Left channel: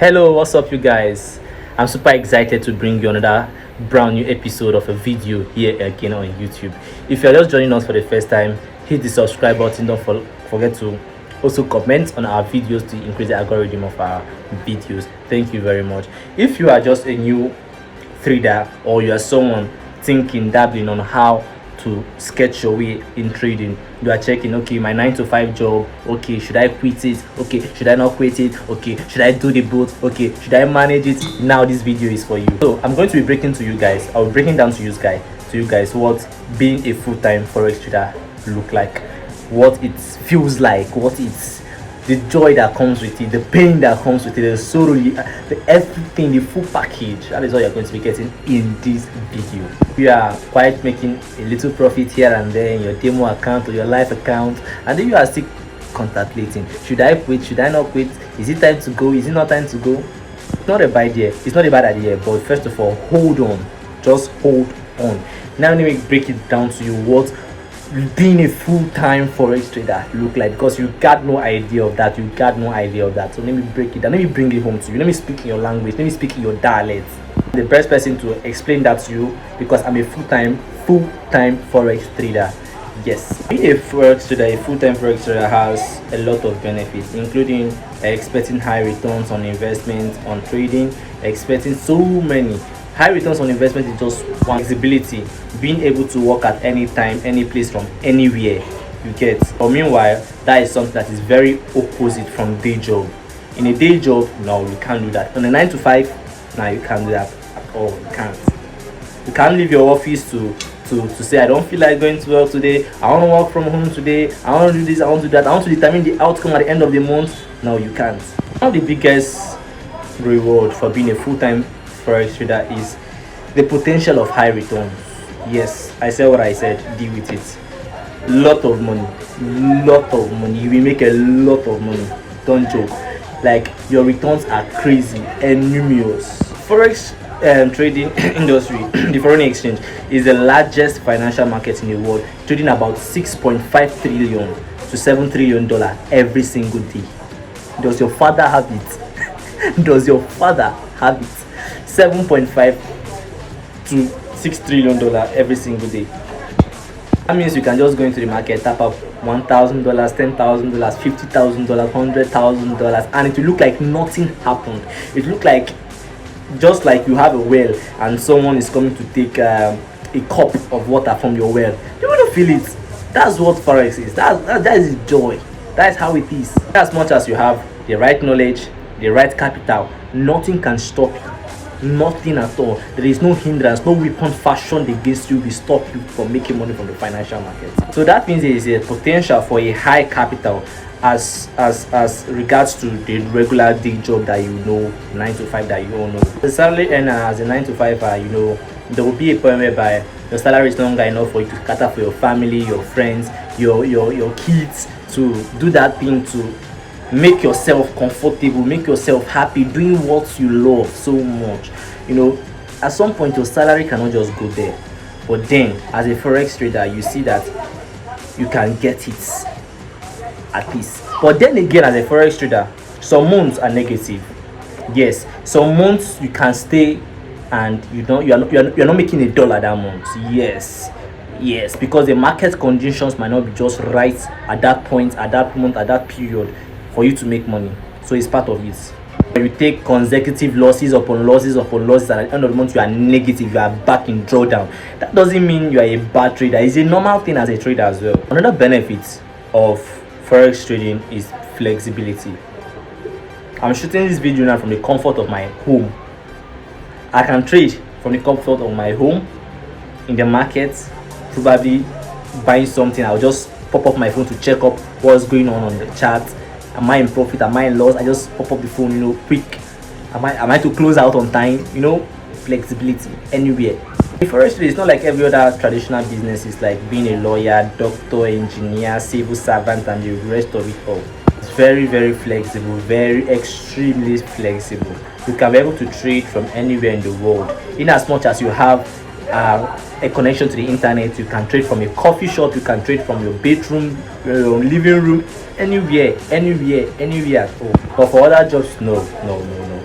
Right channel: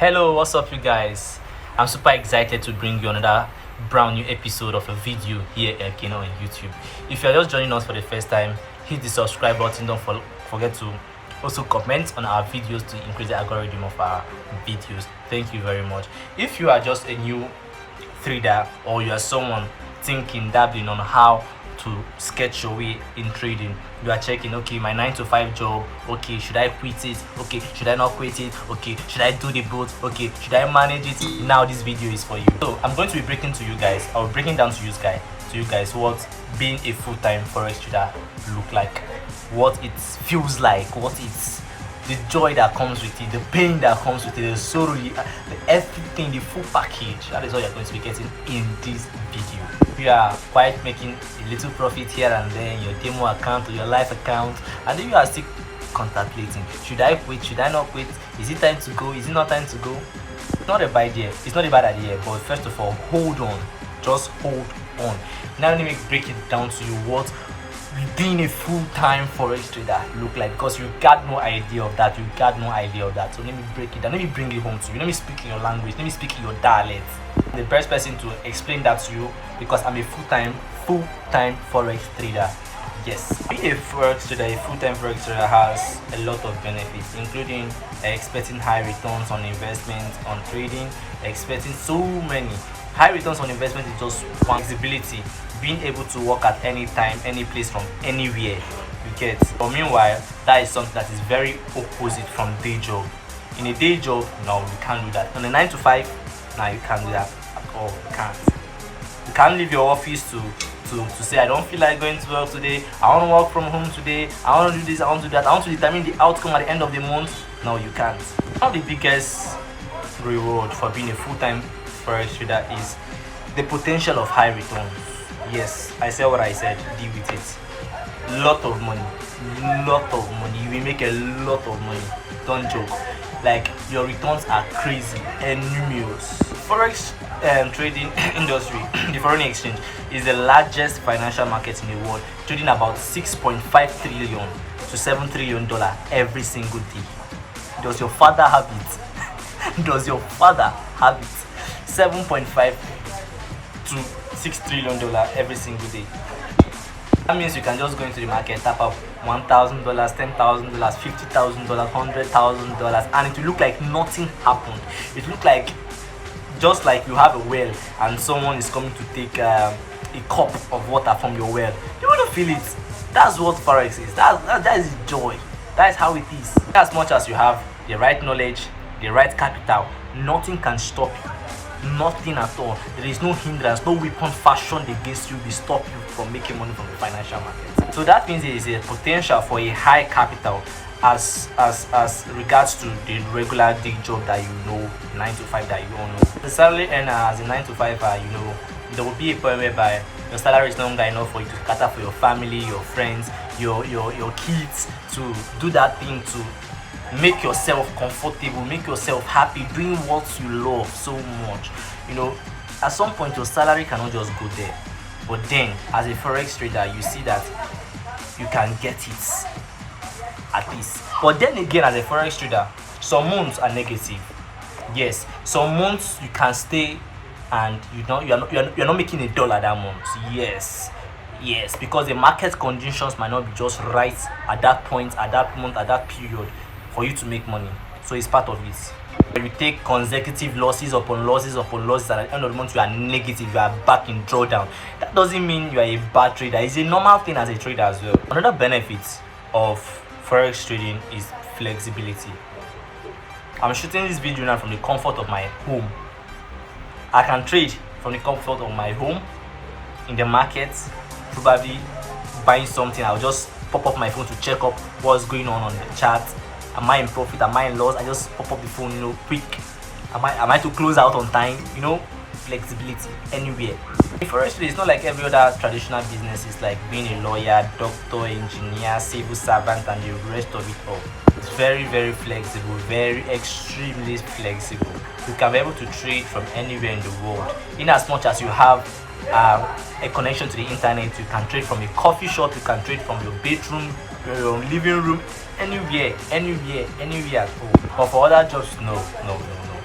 Hello, what's up, you guys? I'm super excited to bring you another brand new episode of a video here again on YouTube. If you're just joining us for the first time, hit the subscribe button. Don't forget to also comment on our videos to increase the algorithm of our videos. Thank you very much. If you are just a new trader or you are someone thinking, dabbling on how to sketch your way in trading, you are checking, okay, my 9 to 5 job, okay, should I quit it, okay, should I not quit it, okay, should I do the both, okay, should I manage it? Now this video is for you. So I'm going to be breaking to you guys, I'll be breaking down to you guys what being a full-time forex trader look like, what it feels like, what it's the joy that comes with it, the pain that comes with it, the sorrow, the everything, the full package. That is what you're going to be getting in this video. You are quite making a little profit here and there in your demo account or your live account, and then you are still contemplating, should I quit, should I not quit, is it time to go, is it not time to go? It's not a bad idea, it's not a bad idea, but first of all, hold on, just hold on. Now let me break it down to you what being a full-time forex trader look like, because you got no idea of that. So let me break it down, let me bring it home to you, let me speak in your language, let me speak in your dialect. The best person to explain that to you, because I'm a full-time forex trader. Yes, being a forex trader, a full-time forex trader has a lot of benefits, including expecting high returns on investment on trading, expecting so many high returns on investment is just one. Flexibility, being able to work at any time, any place, from anywhere, you get. But meanwhile, that is something that is very opposite from day job. In a day job, no, you can't do that. On a 9 to 5, no, you can't do that at all. You can't leave your office to say, I don't feel like going to work today, I want to work from home today, I want to do this, I want to do that, I want to determine the outcome at the end of the month. No, you can't. One of the biggest reward for being a full-time forex trader is the potential of high returns. Yes, I said what I said, deal with it. Lot of money, you will make a lot of money, don't joke. Like, your returns are crazy and numerous. Forex trading industry, the foreign exchange, is the largest financial market in the world, trading about 6.5 trillion to 7 trillion dollar every single day. Does your father have it? Does your father have it? 7.5 to 6 trillion dollar every single day. That means you can just go into the market, tap up $1,000, $10,000, $50,000, $100,000, and it will look like nothing happened. It will look like just like you have a well and someone is coming to take a cup of water from your well. You wouldn't feel it. That's what forex is. That is joy. That is how it is. As much as you have the right knowledge, the right capital, nothing can stop you. Nothing at all. There is no hindrance, no weapon fashioned against you will stop you from making money from the financial market. So that means there is a potential for a high capital as regards to the regular day job that you know, 9 to 5 that you all know. The salary earner as a 9 to 5, there will be a point whereby your salary is no longer enough for you to cater for your family, your friends, your kids, to do that thing, to make yourself comfortable, make yourself happy doing what you love so much. At some point your salary cannot just go there, but then as a forex trader you see that you can get it at least. But then again, as a forex trader, some months are negative. Yes, some months you can stay and you're not making $1 that month. Yes, because the market conditions might not be just right at that point, at that month, at that period for you to make money. So it's part of it. You take consecutive losses upon losses upon losses, and at the end of the month you are negative, you are back in drawdown. That doesn't mean you are a bad trader. It's a normal thing as a trader as well. Another benefit of forex trading is flexibility. I'm shooting this video now from the comfort of my home. I can trade from the comfort of my home, in the market, probably buying something. I'll just pop up my phone to check up what's going on the chart. Am I in profit? Am I in loss? I just pop up the phone, quick. Am I to close out on time? Flexibility anywhere. Forex trading is not like every other traditional business. It's like being a lawyer, doctor, engineer, civil servant, and the rest of it all. It's very, very flexible, very extremely flexible. You can be able to trade from anywhere in the world, in as much as you have a connection to the internet. You can trade from a coffee shop, you can trade from your bedroom, your living room, anywhere at home. But for other jobs, no,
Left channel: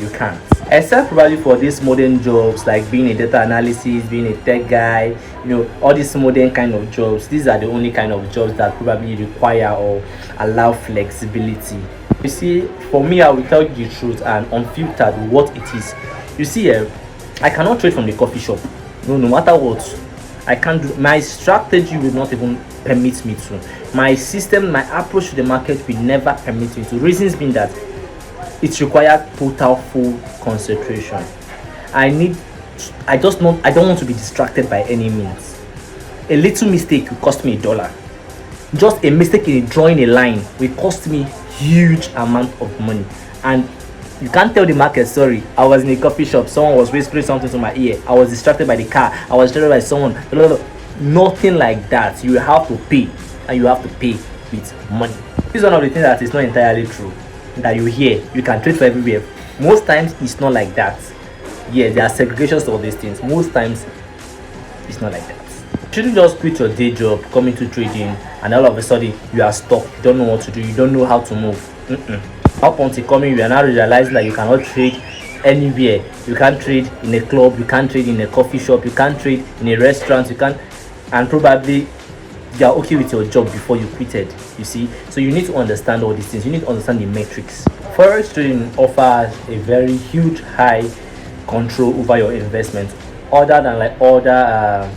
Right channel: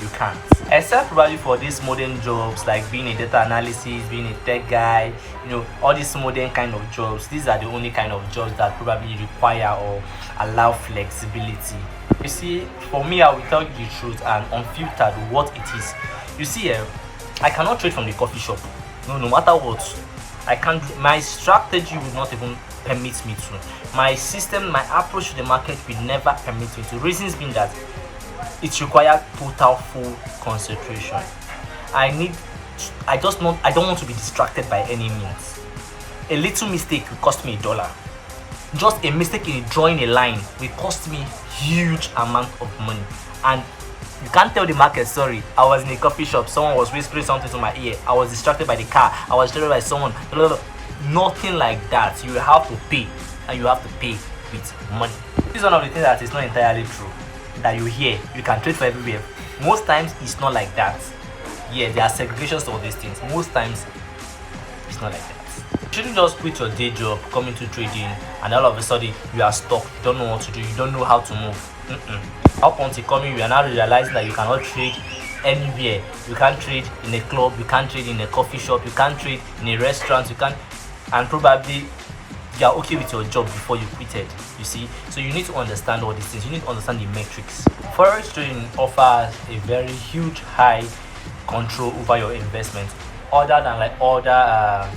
you can't, except probably for these modern jobs like being a data analysis, being a tech guy, all these modern kind of jobs. These are the only kind of jobs that probably require or allow flexibility. You see, for me, I will tell you the truth and unfiltered what it is. You see, I cannot trade from the coffee shop. No matter what, I can't do. My strategy will not even permit me to. My system, my approach to the market will never permit me to. Reasons being that it requires total full concentration. I don't want to be distracted by any means. A little mistake will cost me $1. Just a mistake in drawing a line will cost me huge amount of money. And you can't tell the market, sorry, I was in a coffee shop, someone was whispering something to my ear, I was distracted by the car, I was distracted by someone. Nothing like that. You have to pay, and you have to pay with money. This is one of the things that is not entirely true, that you hear you can trade for everywhere. Most times it's not like that. Yeah, there are segregations to all these things. Most times it's not like that. You shouldn't just quit your day job, come into trading, and all of a sudden you are stuck. You don't know what to do, you don't know how to move. Up until coming, you are now realizing that you cannot trade anywhere. You can't trade in a club, you can't trade in a coffee shop, you can't trade in a restaurant, you can't, and probably you are okay with your job before you quitted. You see, so you need to understand all these things. You need to understand the metrics. Forex trading offers a very huge high control over your investment, other than like other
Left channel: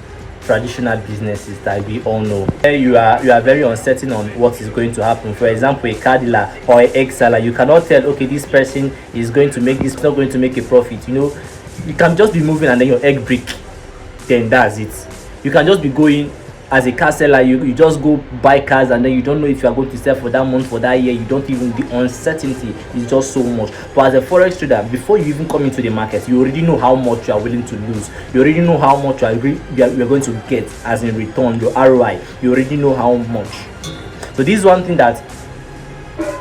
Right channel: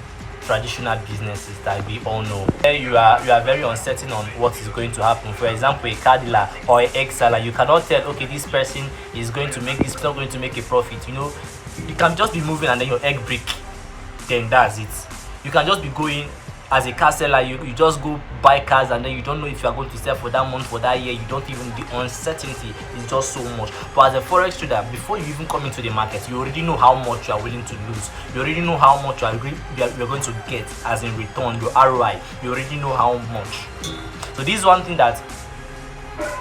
traditional businesses that we all know. You are very uncertain on what is going to happen. For example, a car dealer or an egg seller, you cannot tell, okay, this person is going to make this, not going to make a profit. You can just be moving and then your egg break, then that's it. You can just be going as a car seller, you just go buy cars and then you don't know if you are going to sell for that month, for that year. You don't even, the uncertainty is just so much. But as a forex trader, before you even come into the market, you already know how much you are willing to lose. You already know how much you are going to get as in return, your ROI. You already know how much. So this is one thing that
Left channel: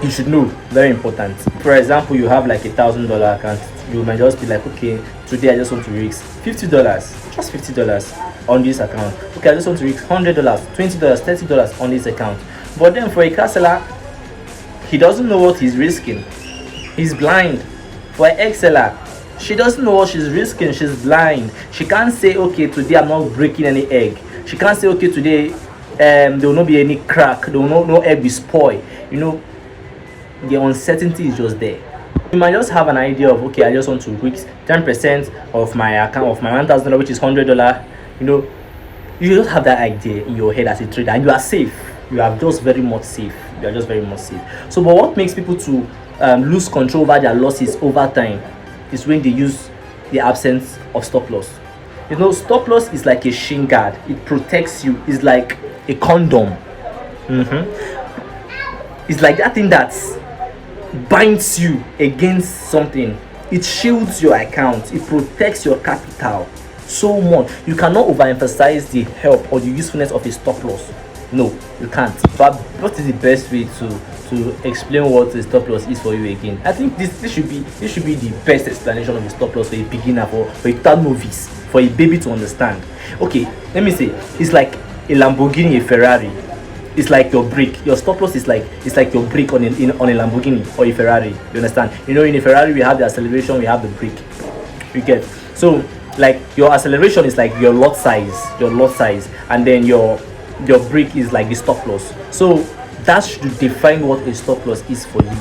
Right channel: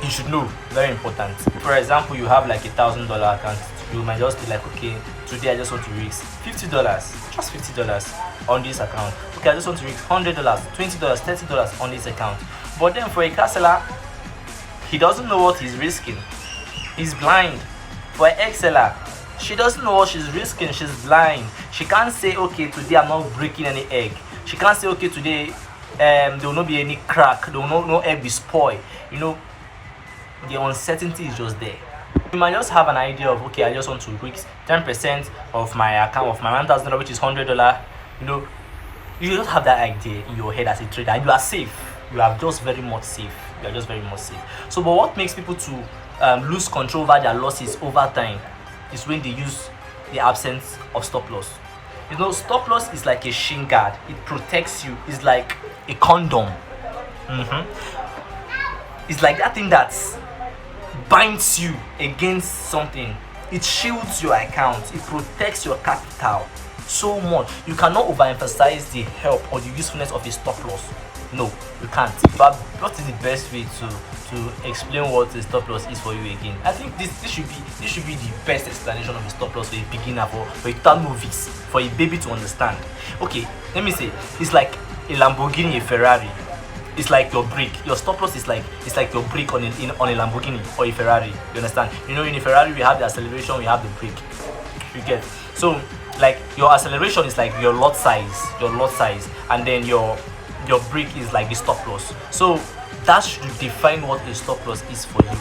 you should know, very important. For example, you have like $1,000 account. You might just be like, okay, today I just want to risk $50, just $50 on this account. Okay, I just want to risk $100, $20, $30 on this account. But then for a car seller, he doesn't know what he's risking. He's blind. For an egg seller, she doesn't know what she's risking. She's blind. She can't say, okay, today I'm not breaking any egg. She can't say, okay, today there will not be any crack. There will no egg be spoiled. The uncertainty is just there. You might just have an idea of, okay, I just want to risk 10% of my account, of my $1,000, which is $100. You just have that idea in your head as a trader, and you are safe. You are just very much safe. So, but what makes people to lose control over their losses over time is when they use the absence of stop loss. Stop loss is like a shin guard. It protects you. It's like a condom. It's like that thing that binds you against something. It shields your account. It protects your capital so much. You cannot overemphasize the help or the usefulness of a stop loss. No, you can't. But what is the best way to explain what a stop loss is for you again? I think this should be the best explanation of a stop loss for a beginner, for a total novice, for a baby to understand. Okay, let me say, it's like a Lamborghini, a Ferrari. It's like your brake. Your stop loss is like your brake on a Lamborghini or a Ferrari. You understand? In a Ferrari we have the acceleration, we have the brake. You get? So like your acceleration is like your lot size, and then your brake is like the stop loss. So that should define what a stop loss is for you.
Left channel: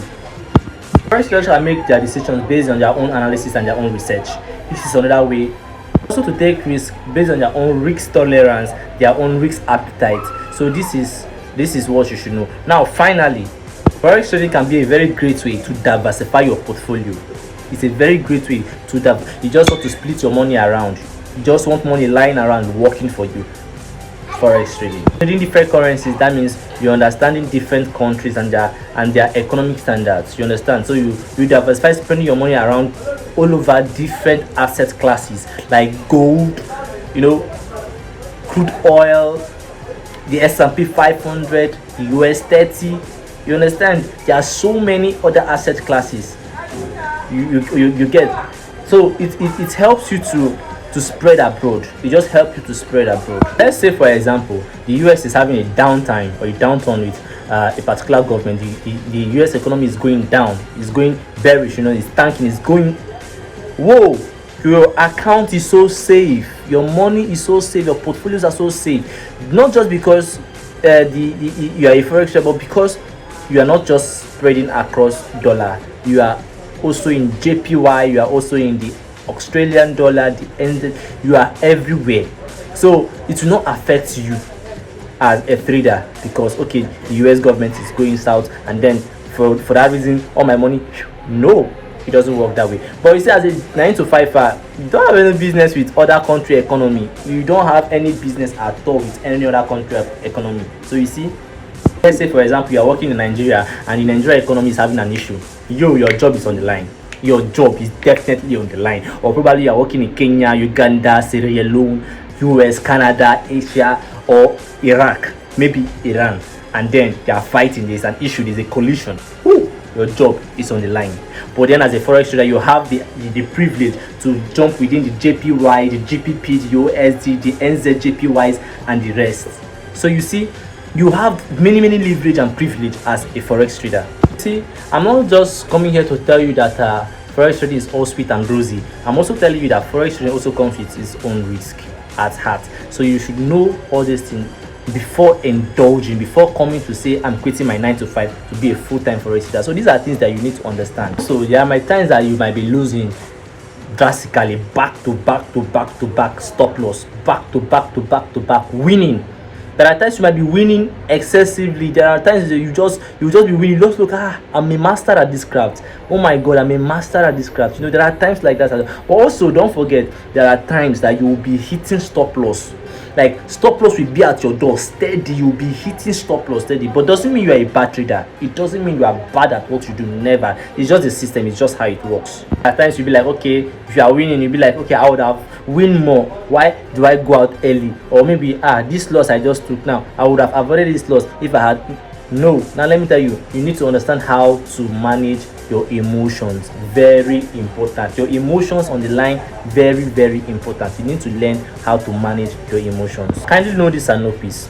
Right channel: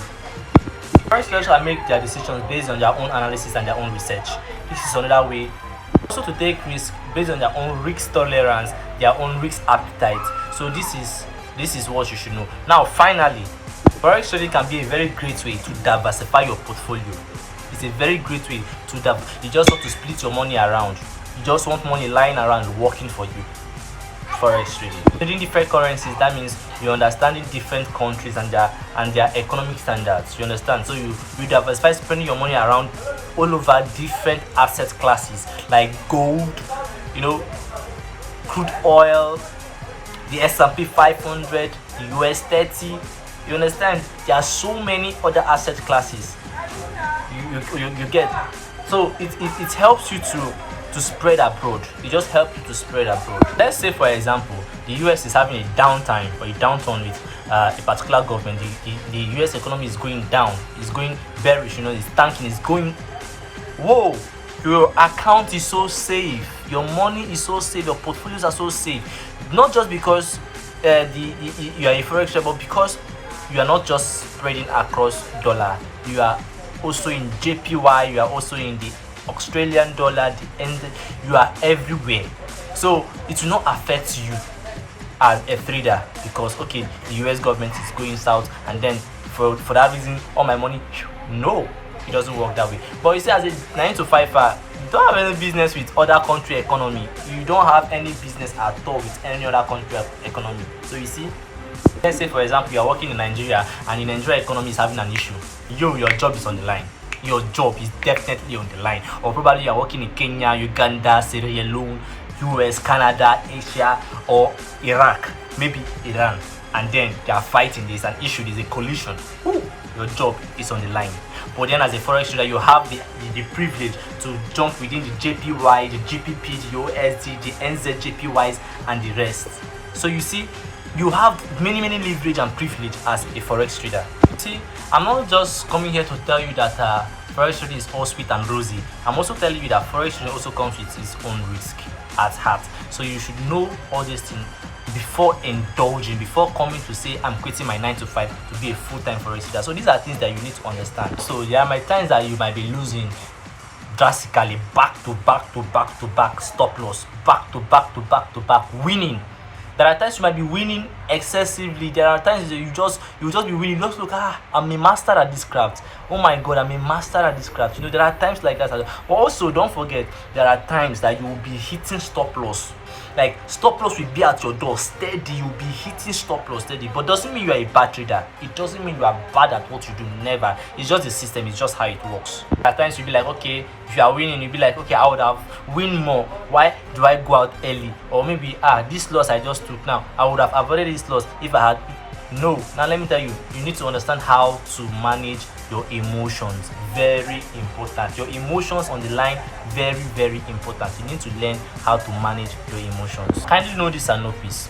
First, traders make their decisions based on their own analysis and their own research. This is another way also to take risk based on their own risk tolerance, their own risk appetite. So this is what you should know. Now, finally, forex trading can be a very great way to diversify your portfolio. It's a very great way to you just want to split your money around. You just want money lying around working for you. Forex trading. Trading different currencies, that means you're understanding different countries and their economic standards. You understand? So you diversify, spending your money around all over different asset classes like gold, crude oil, the S&P 500, the US 30. You understand? There are so many other asset classes. You get. So it helps you to to spread abroad. It just helps you to spread abroad. Let's say, for example, the US is having a downtime or a downturn with a particular government. The US economy is going down, it's going bearish, it's tanking, it's going, whoa, your account is so safe, your money is so safe, your portfolios are so safe, not just because you are a forex trader, but because you are not just spreading across dollar, you are also in JPY, you are also in the Australian dollar, the NZ, you are everywhere. So it will not affect you as a trader because okay, the US government is going south, and then for that reason all my money, no, it doesn't work that way. But you see, as a 9 to 5, you don't have any business with other country economy, you don't have any business at all with any other country economy. So you see, let's say for example you are working in Nigeria and the Nigeria economy is having an issue, your job is on the line, your job is definitely on the line. Or probably you are working in Kenya, Uganda, Sierra Leone, US, Canada, Asia, or Iraq, maybe Iran, and then they are fighting, there's an issue, there's a collision. Ooh, your job is on the line. But then as a forex trader, you have the privilege to jump within the JPY, the GPP, the USD, the NZJPYs, and the rest. So you see, you have many leverage and privilege as a forex trader. See, I'm not just coming here to tell you that forex trading is all sweet and rosy. I'm also telling you that forex trading also comes with its own risk at heart. So you should know all these things before indulging, before coming to say I'm quitting my 9 to 5 to be a full-time forex trader. So these are things that you need to understand. So there are times that you might be losing drastically, back to back stop loss, back to back winning. There are times you might be winning excessively. There are times that you just be winning. You just look, I'm a master at this craft. Oh my God, I'm a master at this craft. There are times like that. But also, don't forget, there are times that you will be hitting stop loss. Like stop loss will be at your door steady. You'll be hitting stop loss steady. But doesn't mean you are a bad trader. It doesn't mean you are bad at what you do. Never. It's just the system. It's just how it works. At times you'll be like, okay, if you are winning, you'll be like, okay, I would have win more. Why do I go out early? Or maybe this loss I just took now, I would have avoided this loss if I had. No. Now let me tell you, you need to understand how to manage your emotions. Very important. Your emotions on the line, very important. You need to learn how to manage your emotions. Kindly know this and know peace.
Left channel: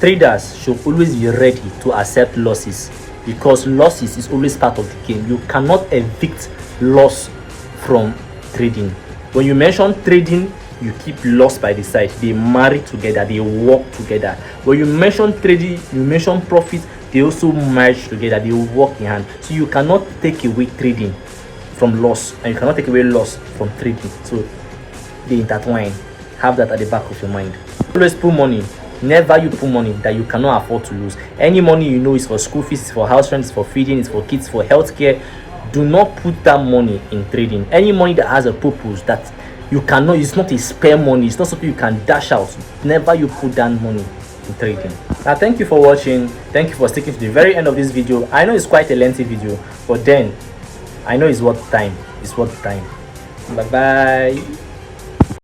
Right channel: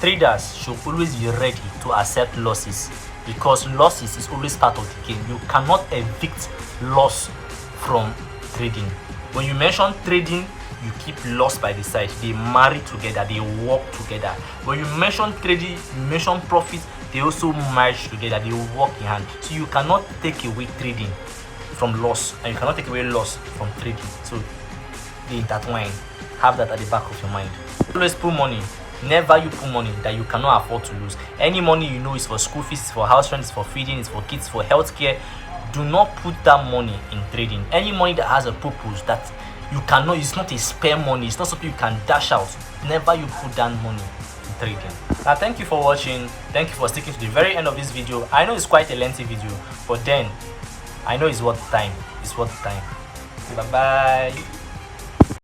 Traders should always be ready to accept losses, because losses is always part of the game. You cannot evict loss from trading. When you mention trading, you keep loss by the side. They marry together, they work together. When you mention trading, you mention profit, they also merge together, they work in hand. So you cannot take away trading from loss, and you cannot take away loss from trading. So they intertwine. Have that at the back of your mind. Always put money. Never you put money that you cannot afford to lose. Any money you know is for school fees, it's for house rent, it's for feeding, it's for kids, for healthcare. Do not put that money in trading. Any money that has a purpose that you cannot, it's not a spare money, it's not something you can dash out. Never you put that money in trading. Now thank you for watching. Thank you for sticking to the very end of this video. I know it's quite a lengthy video, but then I know it's worth time. It's worth time. Bye bye.